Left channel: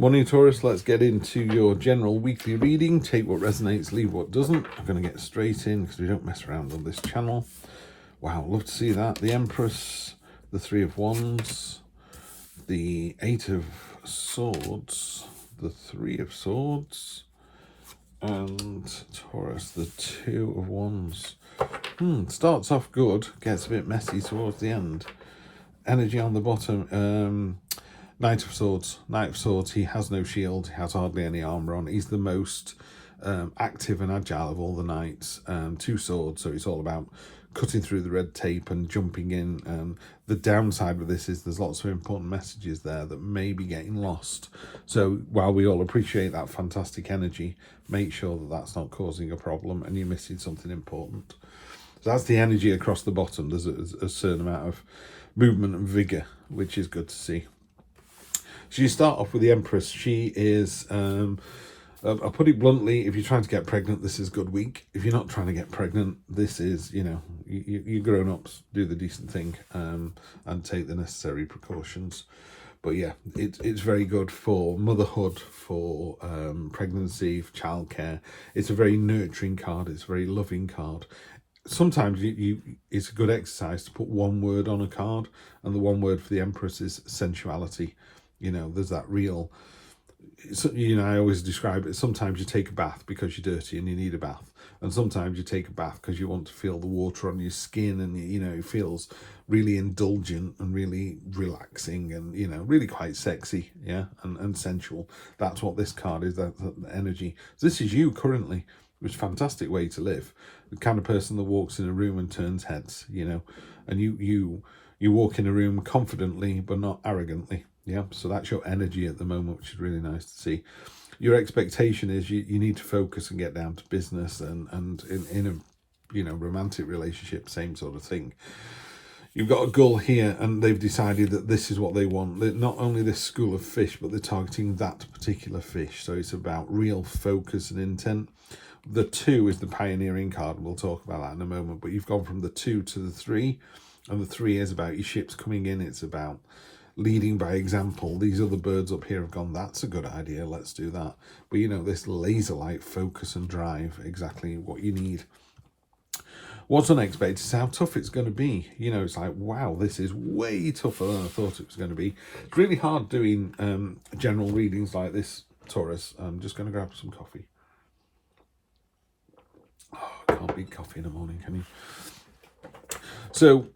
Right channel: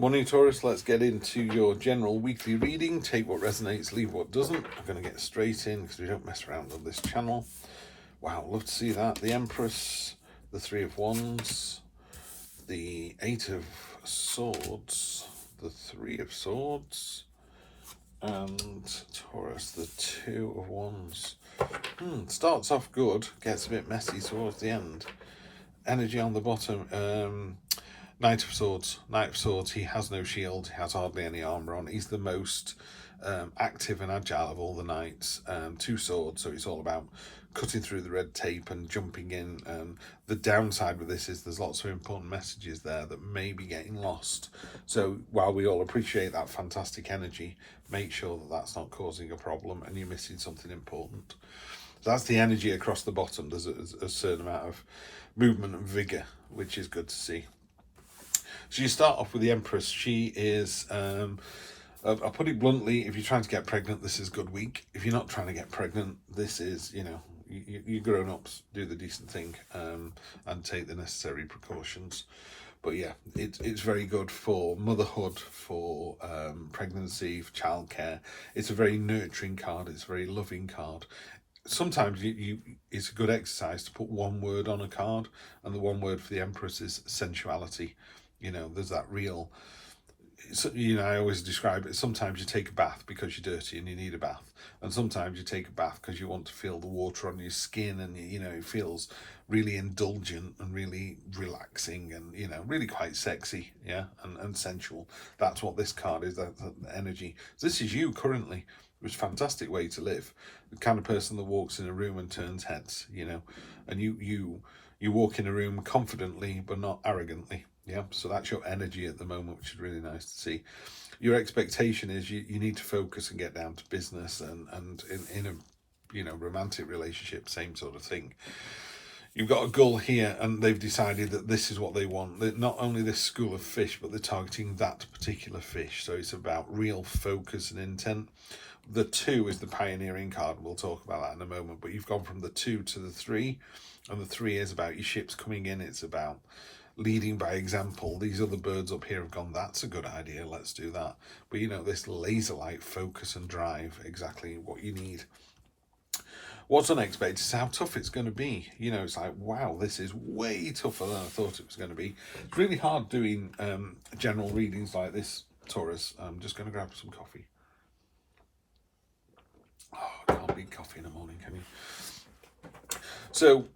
Morning Taurus, let's get into your general weekly reading. Take what resonates, leave what doesn't. I'm going to get straight in because we don't mess around on this channel. Wow, love to see that. The Empress, the Three of Wands, the Eight of Swords, the Three of Swords, and Taurus, the Two of Wands. Starts off good, gets a bit messy towards the end. Energy on the bottom. Knight of Swords. Knight of Swords, he has no shield, he has hardly any armour on. He's the most active and agile of all the knights. Two swords, so it's all about cutting through the red tape and jumping in. The downside of this is there's lots of important messages there that may be getting lost. So while we all appreciate that fantastic energy, make sure that that's not causing a problem and you're missing something important. So that's the energy across the bottom. There's a certain amount of movement and vigour, which is good to see. So you start off with the Empress. She is, I'll put it bluntly, if you're trying to get pregnant, this is a good week. If you're not trying to get pregnant, this is, you grown-ups, do the decent thing and take the necessary precautions. But yeah, it's very good for motherhood, for pregnancy, for childcare. It's a very nurturing card. It's a very loving card. Sometimes it's a good exercise to put one word on a card, and the one word for the Empress is sensuality. There's that real, I always describe it, sometimes you take a bath because you're dirty and you need a bath. And sometimes you take a bath because you want to feel the water on your skin and, it feels really indulgent and really relaxing and, really quite sexy, yeah, and sensual. That's what this card is, that energy. This is you currently, which is a fantastic way to live. The kind of person that walks in a room and turns heads, and you walk in a room confidently but not arrogantly. Yeah, so that's your energy at the moment, which is really nice to see. Your expectation is you need to focus and get down to business, and in a romantic relationship, same sort of thing. You've got a gull here, and they've decided that this is what they want. They're not only this school of fish, but they're targeting that particular fish. So it's about real focus and intent. The 2 is the pioneering card, and we'll talk about that in a moment. But you've gone from the 2 to the 3, and the 3 is about your ships coming in. It's about leading by example. These other birds up here have gone, that's a good idea, let's do that. But this laser-like focus and drive, exactly what you need. What's unexpected is how tough it's going to be. It's like, wow, this is way tougher than I thought it was going to be. It's really hard doing general readings like this, Taurus. I'm just going to grab some coffee. Oh, can't beat coffee in the morning, can you? So,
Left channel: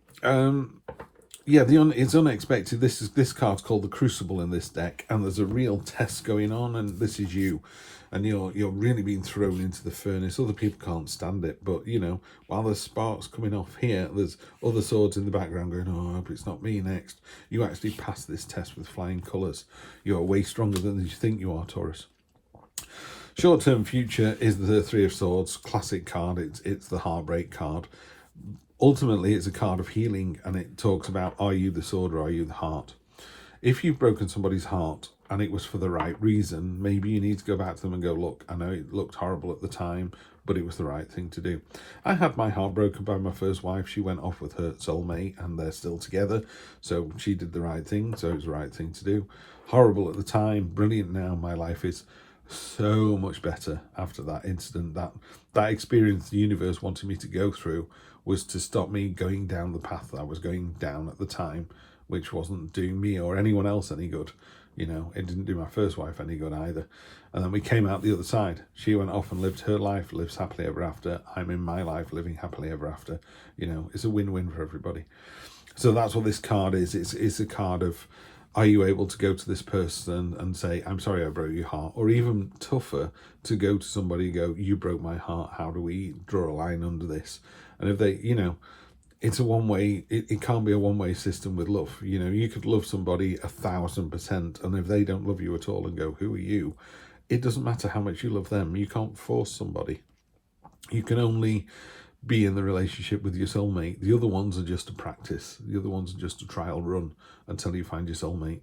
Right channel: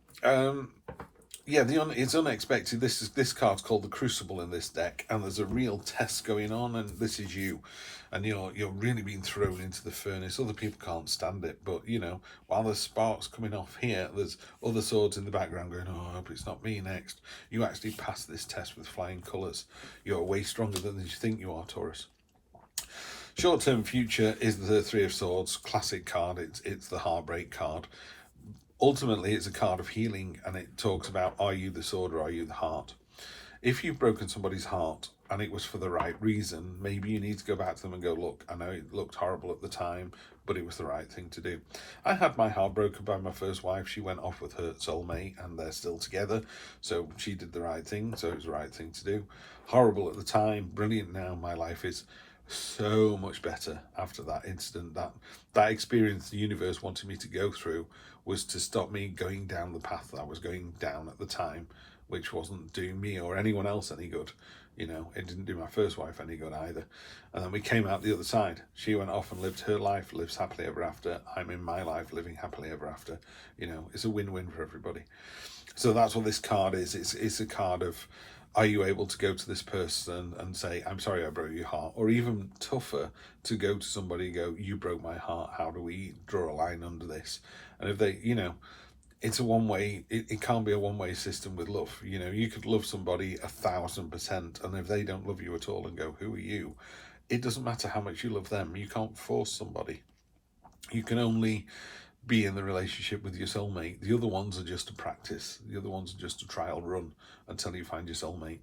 yeah, it's unexpected. This card's called the Crucible in this deck, and there's a real test going on, and this is you, and you're really being thrown into the furnace. Other people can't stand it, but while there's sparks coming off here, there's other swords in the background going, oh, I hope it's not me next. You actually pass this test with flying colours. You're way stronger than you think you are, Taurus. Short-term future is the Three of Swords, classic card. It's the heartbreak card. Ultimately, it's a card of healing, and it talks about, are you the sword or are you the heart? If you've broken somebody's heart and it was for the right reason, maybe you need to go back to them and go, look, I know it looked horrible at the time, but it was the right thing to do. I had my heart broken by my first wife. She went off with her soulmate and they're still together. So she did the right thing. So it was the right thing to do. Horrible at the time, brilliant now. My life is so much better after that incident. That experience the universe wanted me to go through was to stop me going down the path that I was going down at the time, which wasn't doing me or anyone else any good. It didn't do my first wife any good either. And then we came out the other side. She went off and lived her life, lives happily ever after. I'm in my life living happily ever after. It's a win-win for everybody. So that's what this card is. It's a card of, are you able to go to this person and say, I'm sorry I broke your heart? Or even tougher, to go to somebody and go, you broke my heart, how do we draw a line under this? And if they, it's a one-way, it can't be a one-way system with love. You could love somebody 1,000%, and if they don't love you at all and go, who are you? It doesn't matter how much you love them. You can't force somebody. You can only be in the relationship with your soulmate. The other ones are just a practice. The other ones are just a trial run until you find your soulmate.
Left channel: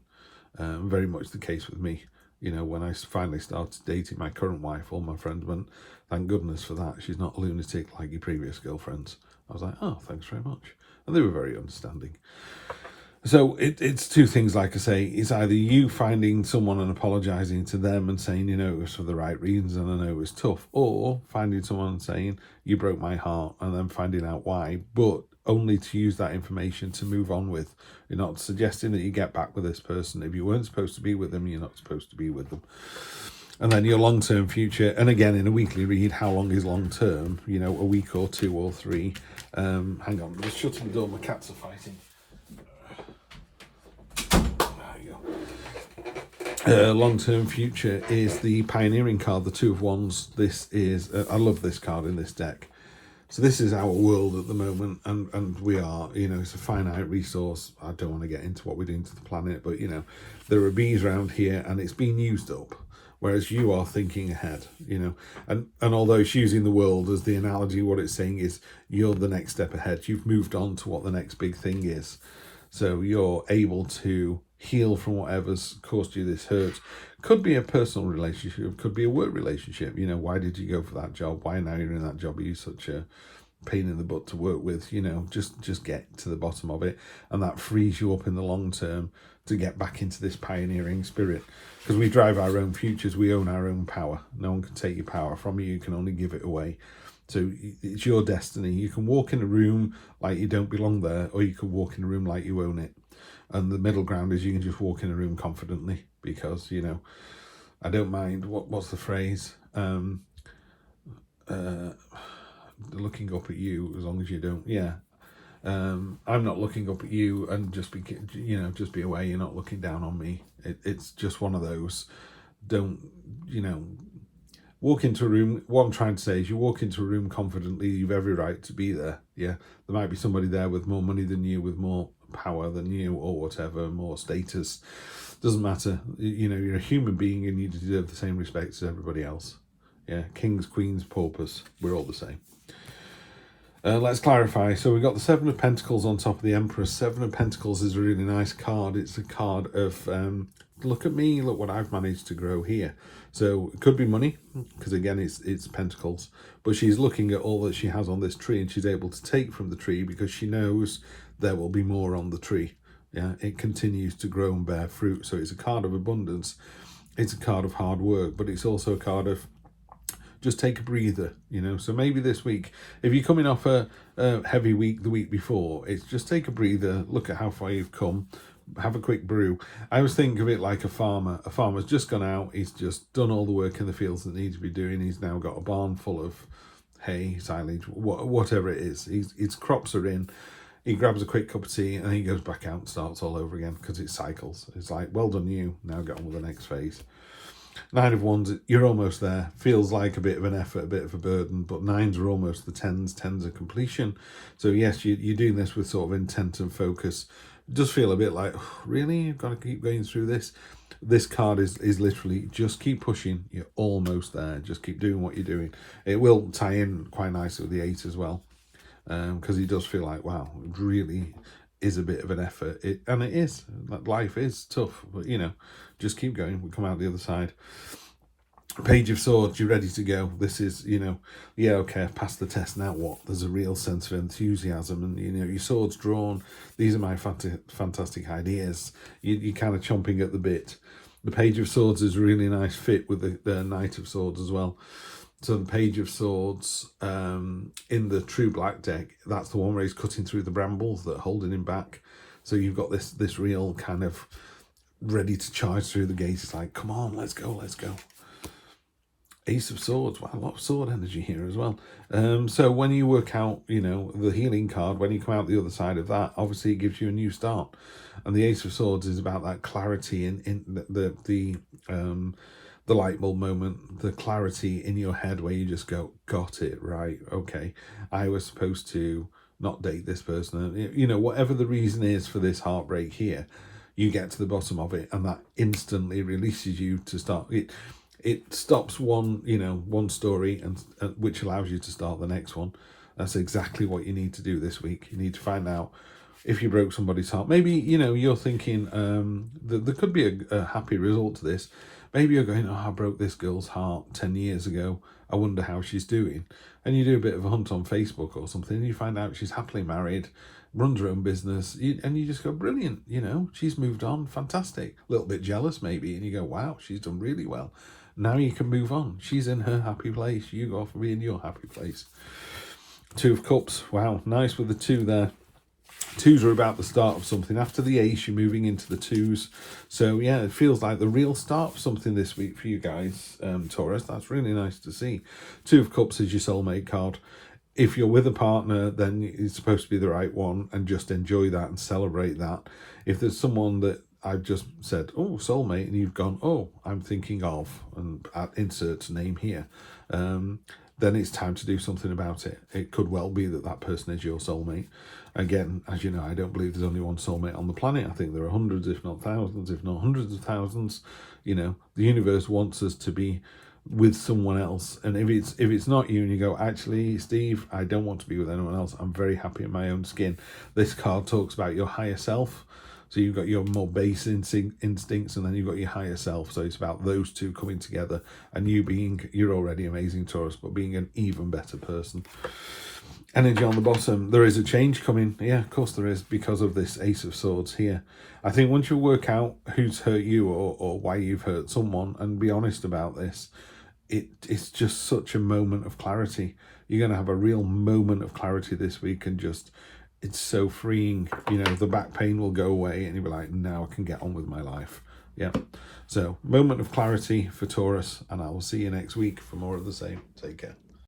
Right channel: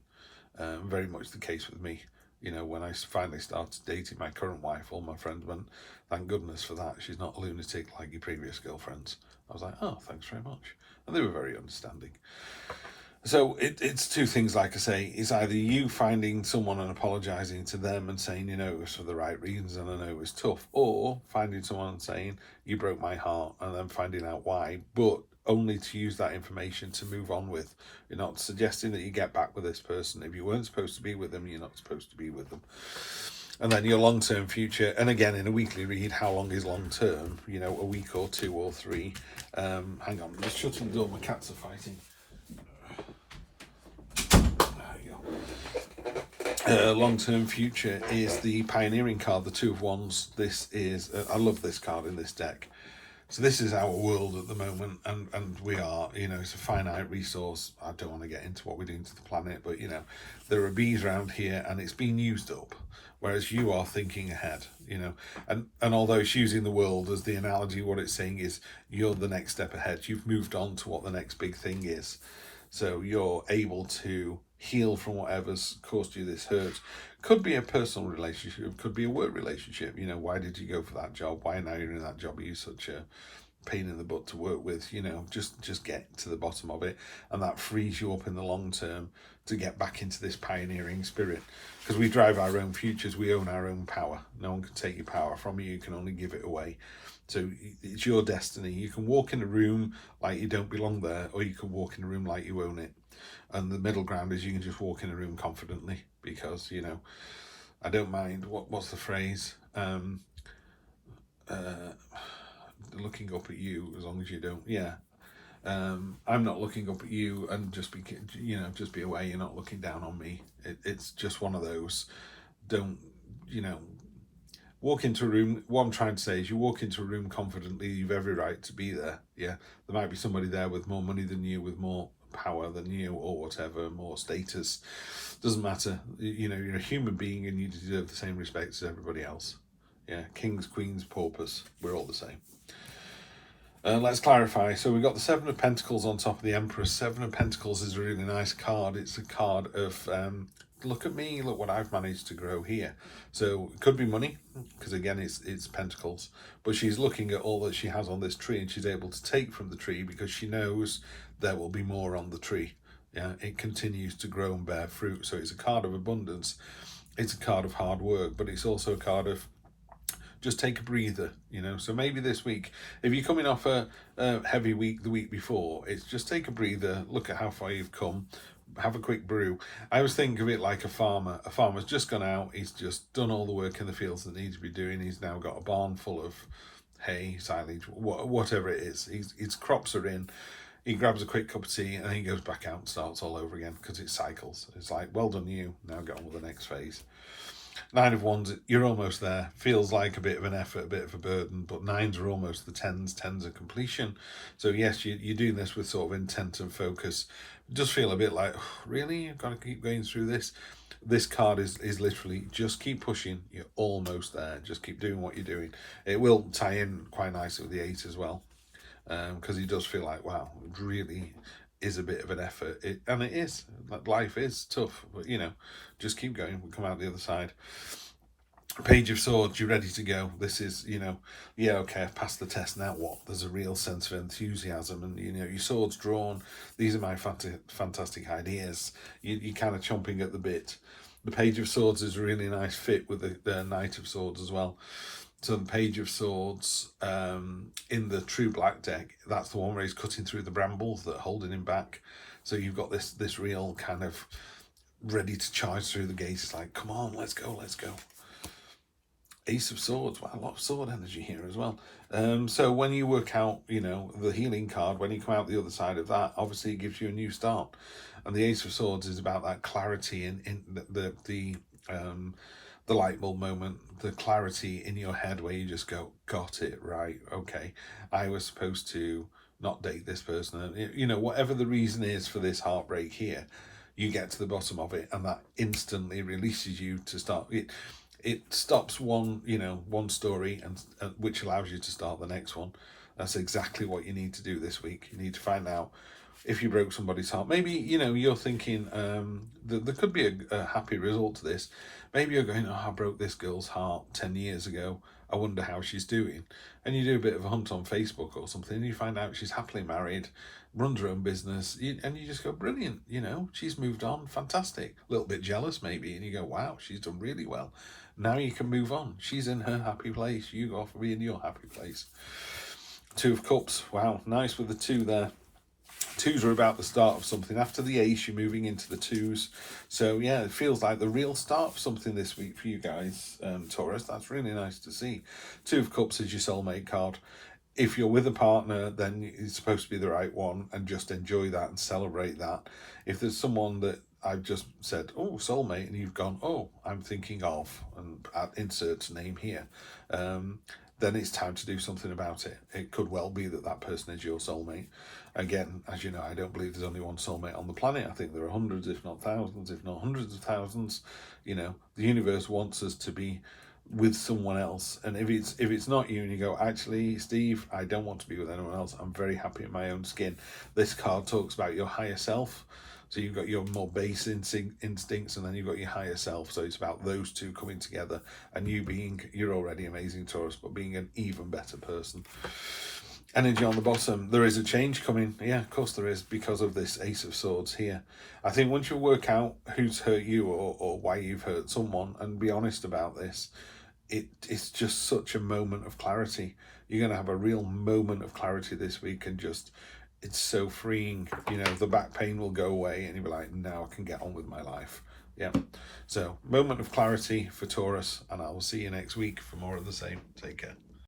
Very much the case with me. When I finally started dating my current wife, all my friends went, thank goodness for that. She's not a lunatic like your previous girlfriends. I was like, oh, thanks very much. And they were very understanding. So it's two things, like I say. It's either you finding someone and apologising to them and saying, you know, it was for the right reasons and I know it was tough, or finding someone and saying, you broke my heart, and then finding out why, but only to use that information to move on with. You're not suggesting that you get back with this person. If you weren't supposed to be with them, you're not supposed to be with them. And then your long-term future, and again in a weekly read, how long is long-term? You know, a week or 2 or 3. Hang on, I'm just shutting the door, my cats are fighting. Long-term future is the pioneering card, the Two of Wands. This is, I love this card in this deck. So this is our world at the moment, and we are, you know, it's a finite resource. I don't want to get into what we're doing to the planet, but, you know, there are bees around here and it's being used up, whereas you are thinking ahead, you know. And although it's using the world as the analogy, what it's saying is you're the next step ahead. You've moved on to what the next big thing is. So you're able to heal from whatever's caused you this hurt. Could be a personal relationship, could be a work relationship. You know, why did you go for that job? Why now you're in that job? Are you such a pain in the butt to work with? You know, just get to the bottom of it. And that frees you up in the long term to get back into this pioneering spirit. Because we drive our own futures, we own our own power. No one can take your power from you, you can only give it away. So it's your destiny. You can walk in a room like you don't belong there, or you can walk in a room like you own it. And the middle ground is you can just walk in a room confidently, because, you know, I don't mind, what's the phrase? Looking up at you, as long as you don't, yeah. I'm not looking up at you, and just be, you know, just be aware you're not looking down on me. It's just one of those, don't, you know, walk into a room. What I'm trying to say is you walk into a room confidently, you've every right to be there. Yeah, there might be somebody there with more money than you, with more power than you, or whatever, more status. Doesn't matter. You know, you're a human being and you deserve the same respect as everybody else. Yeah, kings, queens, paupers, we're all the same. Let's clarify. So we got the Seven of Pentacles on top of the Empress. Seven of Pentacles is a really nice card. It's a card of, look at me, look what I've managed to grow here. So it could be money, because again, it's Pentacles. But she's looking at all that she has on this tree, and she's able to take from the tree because she knows there will be more on the tree. Yeah, it continues to grow and bear fruit. So it's a card of abundance. It's a card of hard work, but it's also a card of just take a breather, you know. So maybe this week, if you're coming off a heavy week the week before, it's just take a breather, look at how far you've come, have a quick brew. I always think of it like a farmer. A farmer's just gone out, he's just done all the work in the fields that needs to be doing. He's now got a barn full of hay, silage, whatever it is. His crops are in. He grabs a quick cup of tea and he goes back out and starts all over again, because it cycles. It's like, well done you, now get on with the next phase. Nine of Wands, you're almost there. Feels like a bit of an effort, a bit of a burden, but nines are almost the tens. Tens are completion. So yes, you're doing this with sort of intent and focus. It does feel a bit like, oh, really? You've got to keep going through this? This card is literally just keep pushing. You're almost there. Just keep doing what you're doing. It will tie in quite nicely with the 8 as well, because it does feel like, wow, it really is a bit of an effort. And it is. Life is tough, but, you know, just keep going. We'll come out the other side. Page of Swords, you're ready to go. This is, you know, yeah, okay, I've passed the test, now what? There's a real sense of enthusiasm, and, you know, your sword's drawn. These are my fantastic ideas. You're kind of chomping at the bit. The Page of Swords is a really nice fit with the Knight of Swords as well. So the Page of Swords in the True Black deck, that's the one where he's cutting through the brambles that are holding him back. So you've got this real kind of ready to charge through the gates. It's like, come on, let's go, let's go. Ace of Swords, wow, a lot of sword energy here as well. So when you work out, you know, the healing card, when you come out the other side of that, obviously it gives you a new start. And the Ace of Swords is about that clarity in the light bulb moment, the clarity in your head where you just go, got it, right, okay, I was supposed to not date this person. And, you know, whatever the reason is for this heartbreak here, you get to the bottom of it, and that instantly releases you to start it. It stops one story, and which allows you to start the next one. That's exactly what you need to do this week. You need to find out if you broke somebody's heart. Maybe, you know, you're thinking there could be a happy result to this. Maybe you're going, oh, I broke this girl's heart 10 years ago. I wonder how she's doing. And you do a bit of a hunt on Facebook or something, and you find out she's happily married, runs her own business, and you just go, brilliant, you know, she's moved on, fantastic. A little bit jealous maybe, and you go, wow, she's done really well. Now you can move on. She's in her happy place. You go off and be in your happy place. Two of Cups. Wow, nice with the 2 there. 2s are about the start of something. After the Ace, you're moving into the 2s. So yeah, it feels like the real start of something this week for you guys, Taurus. That's really nice to see. 2 of Cups is your soulmate card. If you're with a partner, then it's supposed to be the right one, and just enjoy that and celebrate that. If there's someone that I've just said, oh, soulmate, and you've gone, oh, I'm thinking of, and insert name here, then it's time to do something about it. It could well be that that person is your soulmate. Again, as you know, I don't believe there's only one soulmate on the planet. I think there are hundreds, if not thousands, if not hundreds of thousands. You know, the universe wants us to be with someone else, and if it's not you and you go, actually, Steve, I don't want to be with anyone else, I'm very happy in my own skin. This card talks about your higher self. So you've got your more base instincts, and then you've got your higher self. So it's about those two coming together, and you're already amazing, Taurus, but being an even better person. Energy on the bottom, there is a change coming. Yeah, of course there is, because of this Ace of Swords here. I think once you work out who's hurt you or why you've hurt someone, and be honest about this, it's just such a moment of clarity. You're going to have a real moment of clarity this week, and just, it's so freeing. You know, the back pain will go away, and you'll be like, now I can get on with my life. Yeah. So, moment of clarity for Taurus, and I will see you next week for more of the same. Take care.